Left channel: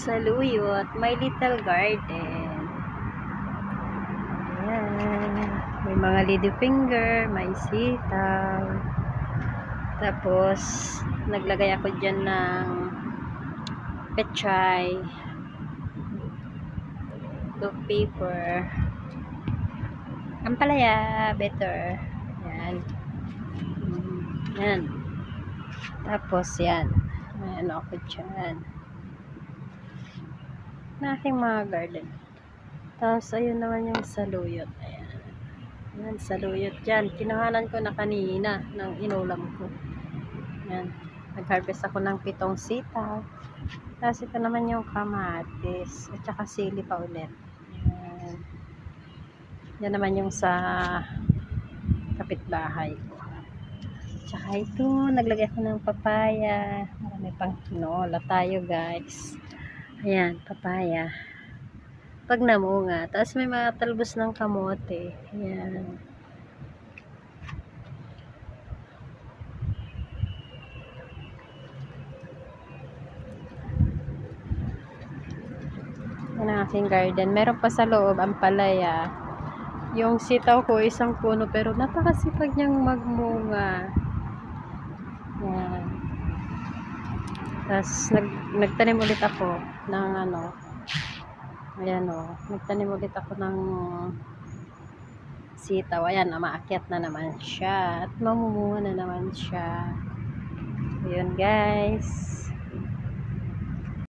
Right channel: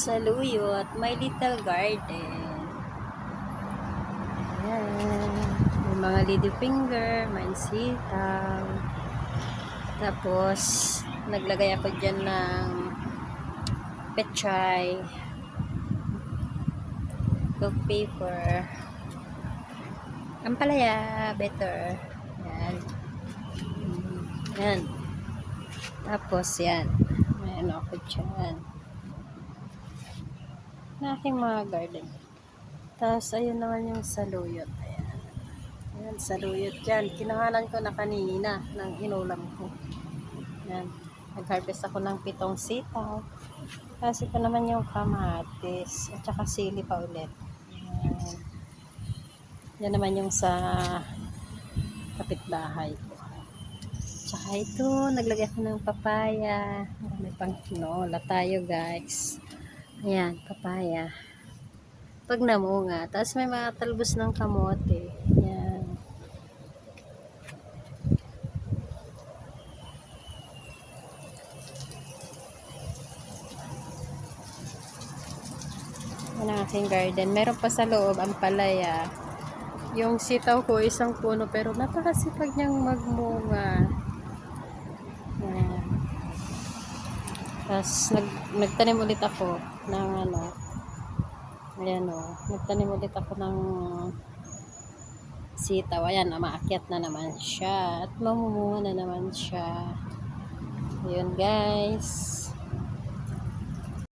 Saluyot, my little garden. Ayan. May mga ladyfinger, may sitaw. Tapos, naglagay ako dyan ng pechay, milk paper, ampalaya, better. Yan. Yan. Tapos, yan. May ano ako dyan. Na aking mga garden. Tapos, ayun naman yung saluyot. Ayan. Ayan, saluyot dyan. Kinuhanan ko na kanina ng inulam ko. Ayan. Nag-harvest ako ng 7 sitaw. Tapos, ito naman yung kamatis. At saka sili pa ulit. Ayan. Yan naman yung sa kapitbahay ko. Tsaka ito, naglagay ako ng papaya. May pang tinola tayo, guys. Ayan, papaya. Pag namunga. Tapos may mga talbos ng kamote. Ayan. Yan ang aking garden. Meron pa sa loob ang palaya. Yung sitaw ko, isang puno, pero napakasipag niyang magmunga. Yan. Tapos, nagtanim ulit ako ng ano, ayan o, nagtanim ulit ako ng sitaw. Ayan, maakyat na naman siya. At mamumunga na naman siya. Ayan, guys.